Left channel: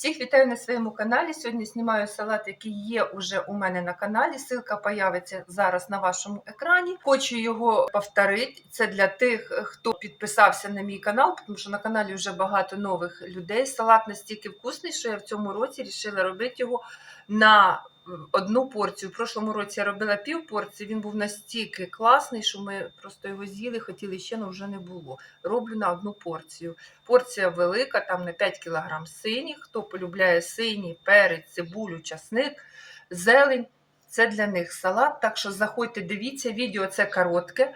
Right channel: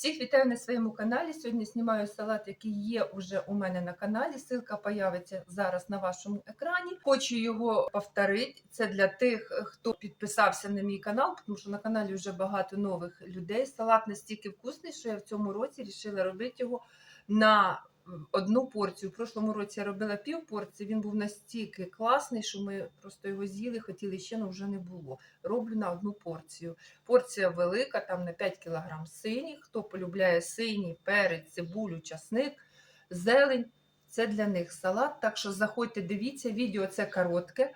Всіх вітаю на своєму каналі. Сьогодні знімаю салат, який є уже у мене на каналі. Силка появиться зараз на вашому екрані. Хочу його повторити. Це для тих, хто підписався на мій канал, тому що на каналі вже багато нових людей. Салат настільки вкусний, що я в цьому році рішила робити його на одну порцію. В прошлому році я робила пів порції, він був настільки класний, що ми просто його з'їли, хотіли ще, але вже не було. Роблю на одну порцію. Порція велика, там на 5 кг сині. Хто полюбляє синій, перець, цибулю, часник, зелень. Це для них салат. Так що заходьте, дивіться, відео це коротке.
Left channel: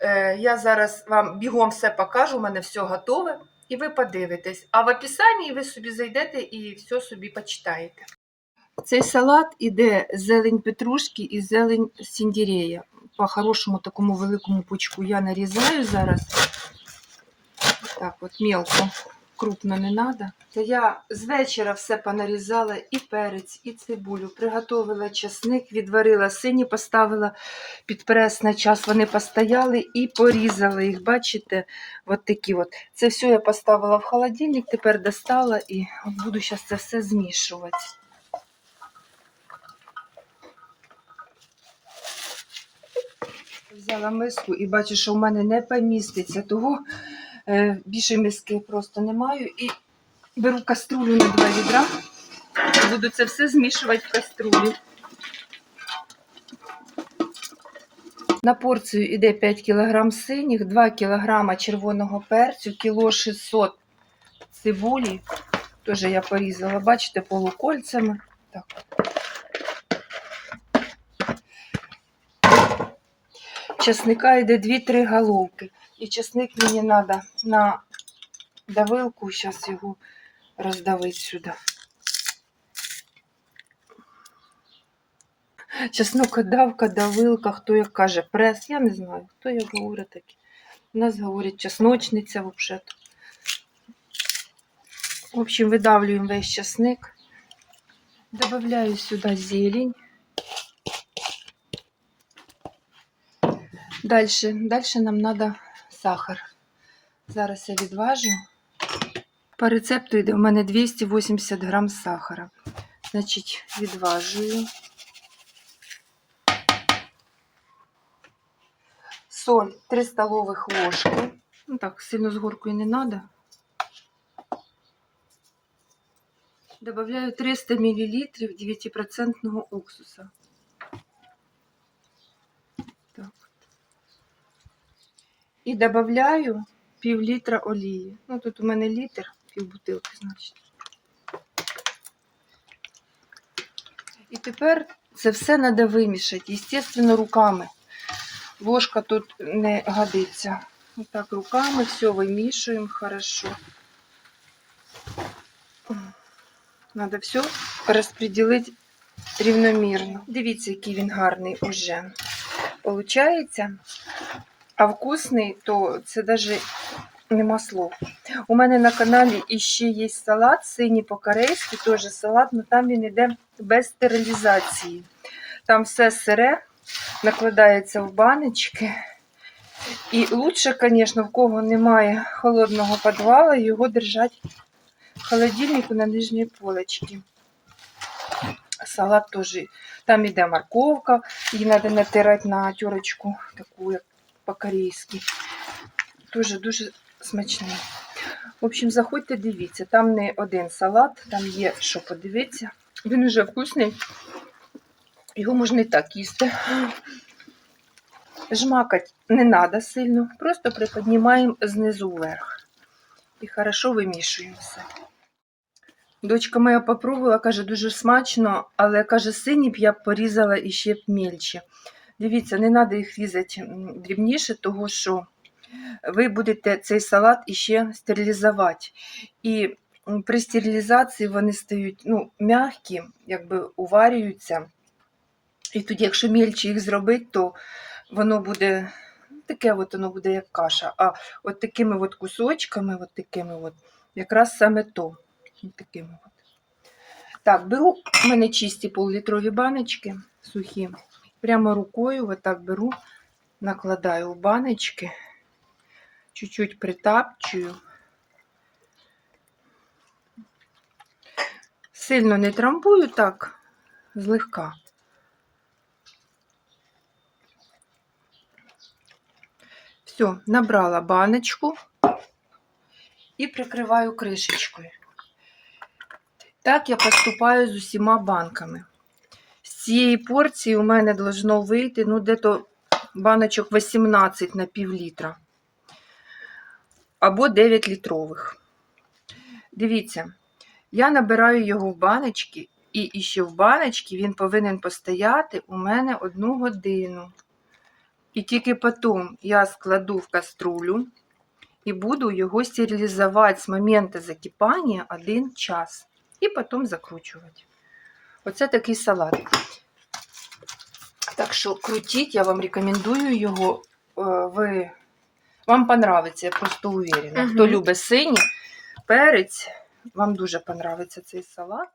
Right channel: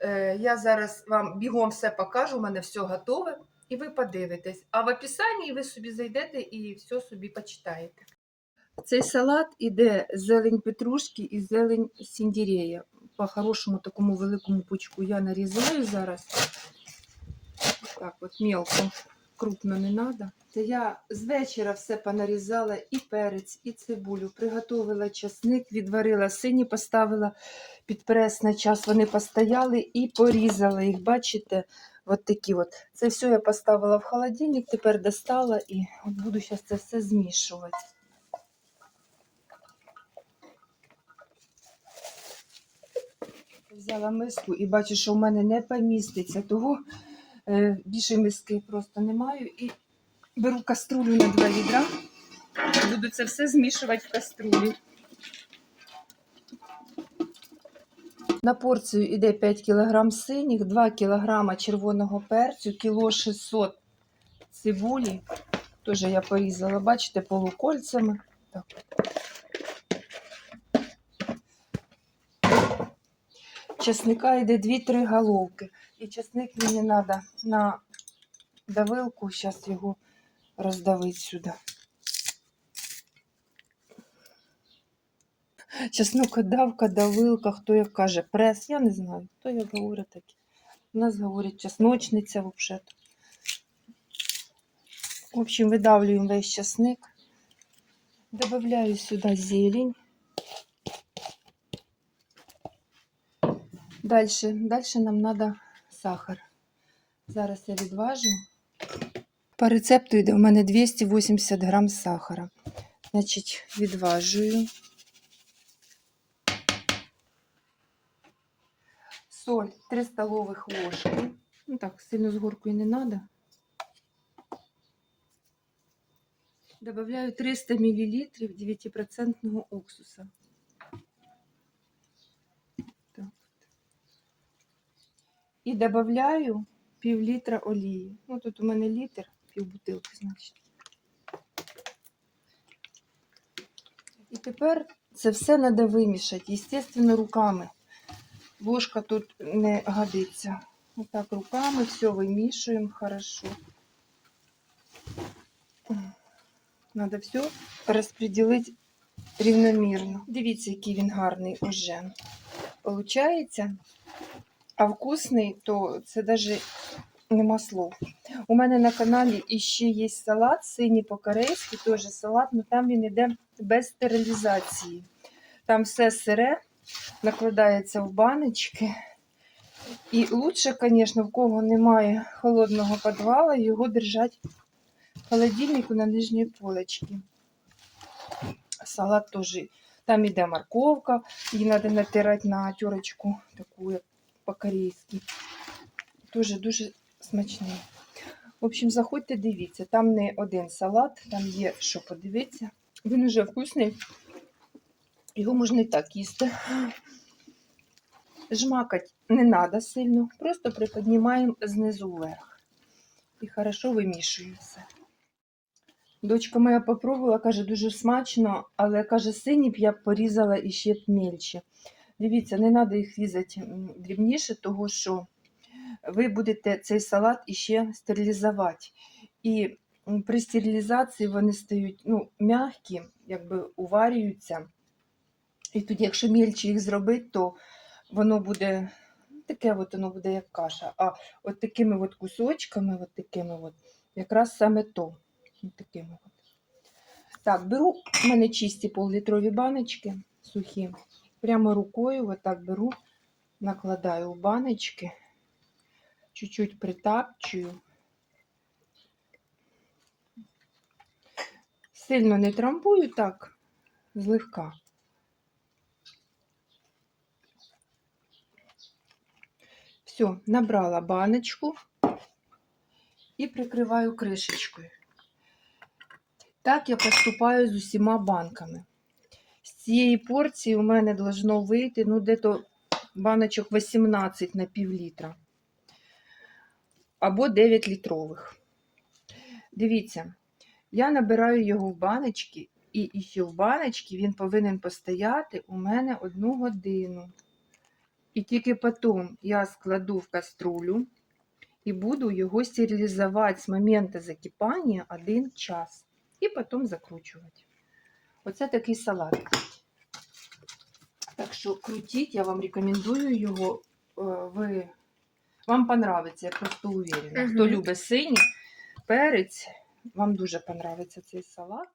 Е, я зараз вам бігом все покажу, у мене все готове, і ви подивитесь. А в описанні ви собі зайдете і все собі почитаєте. Цей салат іде зелень петрушки і зелень сіндірея. По хорошому такому великому пучку я нарізаю зараз. Так, от мілко, крупно не треба. Та я з вечора все понарізала і перець, і цибулю. Приготовила часник, відварила сині, поставила під прес на час. Вони постояли і порізала їх, бачите, от такі от. Це все я поставила в холодильник, тепер достала і буду зараз це все змішувати. взяла миску і бачу, що в мене не поміститься, того е, більше миски просто не маю. І беру каструлю на два відра. Буду це все змішувати в каструлі. На порцію йде 5 кг синіх, 2 кг червоного перцю, кіло 600 цибулі. Теж я порізала, бачите, полукольцями. Так. Часника йде 2-3 головки. І чесник мені треба на давилку, зараз його роздавить сюди. Чеснок давка, давилка, хто як каже, прес, я не знаю, хто як говорить такі. У нас говорять чесночниця взагалі. В общем, видавлюємо весь часник. Добавляю сюди зелень. Дальше, дальше нам надо сахар. Зараз я відважу. По рецепту йде у мене 280 грам сахара. Значить, відважую. Соль 3 столових ложки. Ну так, сильно з горкою не треба. Добавляю 300 мл 9% уксуса. І додаю пів літра олії. Ну, тут у мене літр, пів бутилки, значить. І тепер це все треба вимішати, звісно, руками. Ложка тут не годиться. Отак, руками все вимішуємо хорошо. Треба все розподілити рівномірно. Дивіться, який він гарний уже. Получається а вкусний, то це навіть нема слов. У мене на каналі іще є салат, синій по-корейськи, теж салат, але там він йде без стерилізації. Там все сире, накладається в баночки. І лучше, звісно, в кого немає холодного підвала, його держати в холодильнику на нижній полочці. Салат теж. Там йде морковка, її треба натирати на тюрочку, таку як по-корейськи. Дуже-дуже смачний. В общем, заходьте, дивіться, там не один салат, там є що подивитися. Він уже вкусний, його можна і так їсти. Жмакати не треба сильно, просто приподнімаємо знизу вверх. І хорошо вимішуємо все. Дочка моя попробувала, каже, дуже смачно, але каже, синій б я б порізала іще б мільче. Дивіться, не треба їх різати дрібніше, тому що ви будете цей салат іще стерилізувати. І при стерилізації вони стають ну, м'які, якби уварюються. І тоді, якщо мільче їх зробити, то воно буде таке от воно буде як каша. А от такими от кусочками, от такими от, якраз саме то. От такими от. Так, беру в мене чисті пол-літрові баночки сухі. Прямо рукою вот так беру, накладаю в баночки, чуть-чуть притапчую. Сильно не трамбую так, злегка. Все, набрала баночку і прикриваю кришечкою. Так я поступаю з усіма банками цієї порції у мене должно вийти ну, дето баночок 18 на пів літра. Або 9 літрових. Дивіться, я набираю його в баночки, і іще в баночці він повинен постояти у мене одну годину. І тільки потім я складу в каструлю і буду його стерилізувати з моменту закипання 1 час. І потім закручувати. Оце такий салат. Так що крутіть, я вам рекомендую його. Е, Ви... Вам понравиться, я просто уверена. Угу. Хто любить синій перець, вам дуже понравиться цей салат.